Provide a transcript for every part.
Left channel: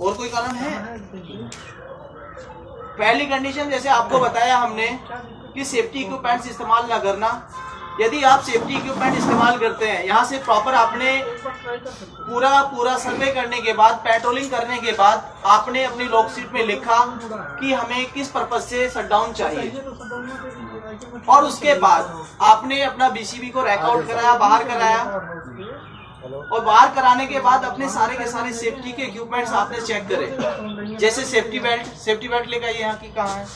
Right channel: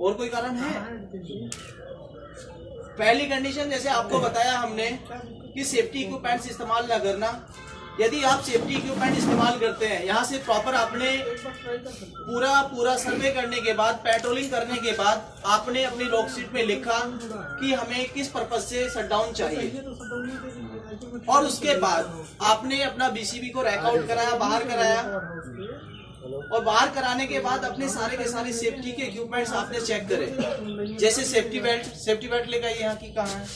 और कोई कारण है? पहली कंडीशन जैसे आपको बताया हमने कि सेफ्टी इक्विपमेंट्स इस्तेमाल ना करना। यदि आप सेफ्टी इक्विपमेंट इस्तेमाल करते हैं, यहाँ से प्रॉपर आपने पूरा सर्वे करने के बाद, पेट्रोलिंग करने के बाद आपने अपनी लॉग शीट में लिखा कि हमें किस पर्पज से शटडाउन चाहिए, और उसके बाद आपने अपना बीसीबी को रैकआउट कराया, बाहर कराया, और बाहर कराने के बाद अपने सारे के सारे सेफ्टी के इक्विपमेंट्स आपने चेक करे। जैसे सेफ्टी बेल्ट लेकर आइए, यहाँ की कहाँ है,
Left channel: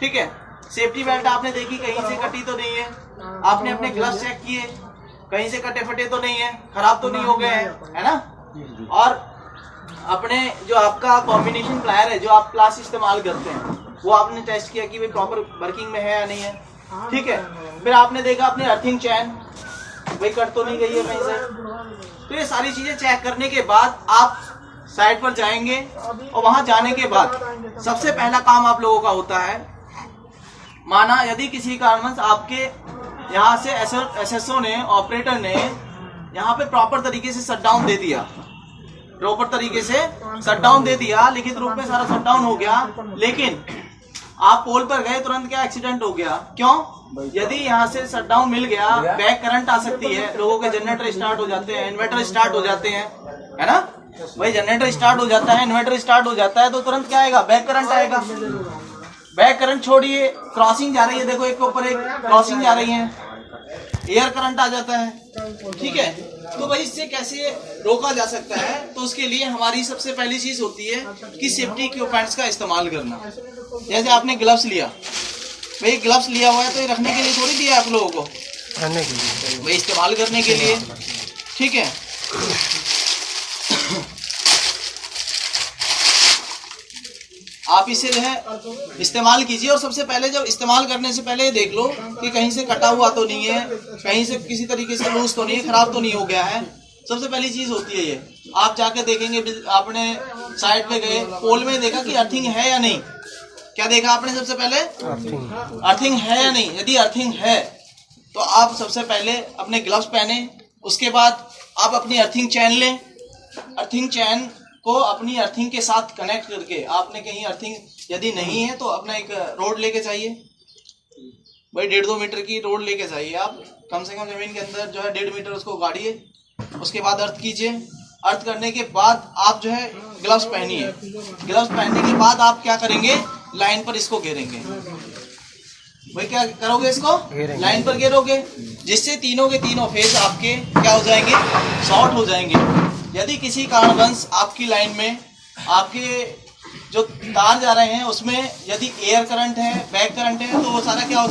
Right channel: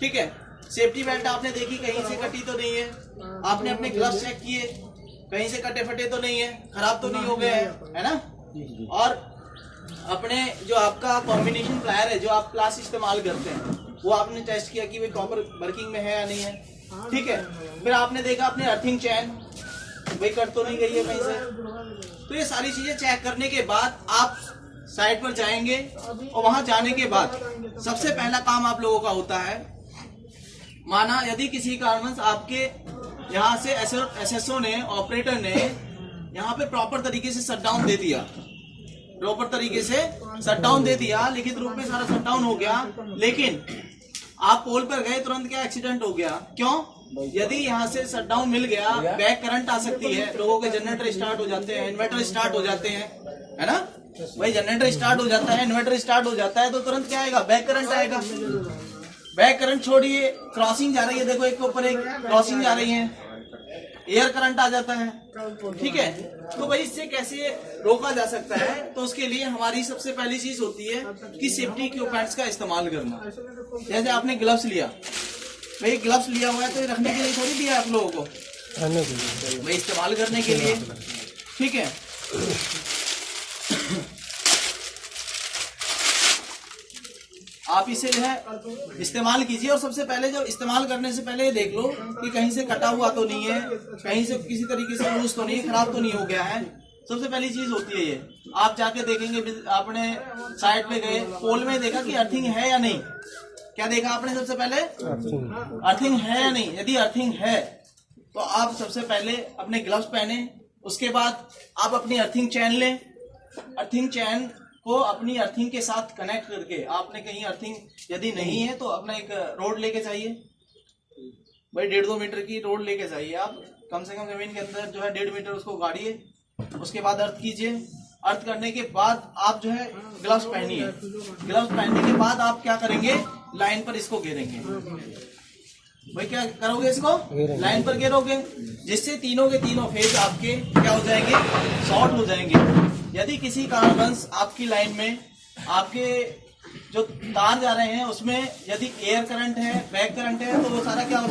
ठीक है। सेफ्टी बेल्ट आपने देखी कहीं से कटी तो नहीं है, आपने अपने ग्लव्स चेक किए कहीं से कटे फटे तो नहीं है, खराब तो नहीं हो गए हैं, है ना। और अपने जो आपका कॉम्बिनेशन प्लायर है, जो आप प्लास इस्तेमाल करते हैं, वो आपने टेस्ट किया कि भाई प्रॉपर वर्किंग में है या नहीं है, ठीक है। फिर आपने देखा अपने अर्थिंग चैन भाई कट तो नहीं गई है कहीं से। तो ये सारी चीजें चेक करने के बाद आप साइट पर जाएंगे, और वहां जाने के बाद सबसे पहला काम आप लोगों का होता है, माना यदि किसी कारणवश आपके यहाँ से एसएसओ ने, ऑपरेटर ने यहाँ पे प्रॉपर तरीके से शटडाउन दे दिया, लिखित रूप में सारा शटडाउन हो गया, लेकिन आप पोल पर गए तुरंत क्या एक्सीडेंट हो गया, क्यों? यदि यहाँ से शटडाउन मिल गया, बैक करंट आ सकती है, लोगों के जनरेटर स्टार्ट हो जाते हैं, इन्वर्टर स्टार्ट हो जाते हैं, है ना भाई। जनरेटर स्टार्ट हो जाता है, इन्वर्टर स्टार्ट हो जाता है, तो तुरंत क्या आएगा, बैक करंट आएगा। बैक करंट छोड़िए, क्रॉसिंग जा रही है, देखो एक के ऊपर एक क्रॉसिंग जा रही है, एयर करंट आ जाता है, ठीक है। तो भाई इससे कैसे रोका जा सकता है? तो उसके लिए हमारी सबसे पहली चीज होती है कि सेफ्टी इक्विपमेंट्स का इस्तेमाल करना। जैसे आपने ग्लव्स लिया, भाई ग्लव्स लिया हुआ है तो ये रखने के लिए थोड़ी दिया आप लोगों को, करने के लिए भाई इस्तेमाल करने के लिए, ठीक है। आप इसे जो है इस्तेमाल कीजिए, और सबसे पहले जब इस्तेमाल करने से पहले देख लो कि कहीं से कटा हुआ तो नहीं है, कहीं से किसी तरीके से लूज तो नहीं है, खराब तो नहीं हो गया है। सबसे पहली चीज होती है ये। आप जाके देखेंगे, आपने साइड पे गए, पोल में देखा कि अर्थिंग है या नहीं, क्या देखा आपने सबसे पहले? अर्थिंग है या नहीं। यदि अर्थिंग है तो आप सबसे पहले अपने ग्लव्स पहने, उसके बाद आप अपनी अर्थिंग चैन लें। अर्थिंग चैन को अपनी अर्थिंग के साथ कनेक्ट करके, आपने कहीं अर्थिंग यदि नहीं है तो अपना एक रोड लेके चाहिए, भाई 1.5-2 मीटर की रोड लेके चाहिए। आप कम से कम जमीन के अंदर जो है 1.5 मीटर उसको गाड़िए, उसके बाद अर्थ कीजिए। अर्थ करने के बाद आप जो है ग्लव्स पहनिए। ग्लव्स पहनने के बाद आप क्या करेंगे, लाइन पर इसको घेरेंगे। भाई क्या करोगे, इसको लाइन पर घेरोगे, जिससे तीनों के तीनों फेज आपके क्या हो जाएंगे, शॉर्ट हो जाएंगे। यदि किसी कारणवश आपकी लाइन में आपके जो तार जा रहे हैं उसमें यदि एयर करंट है, बैक करंट है, तो वो सारा क्या हो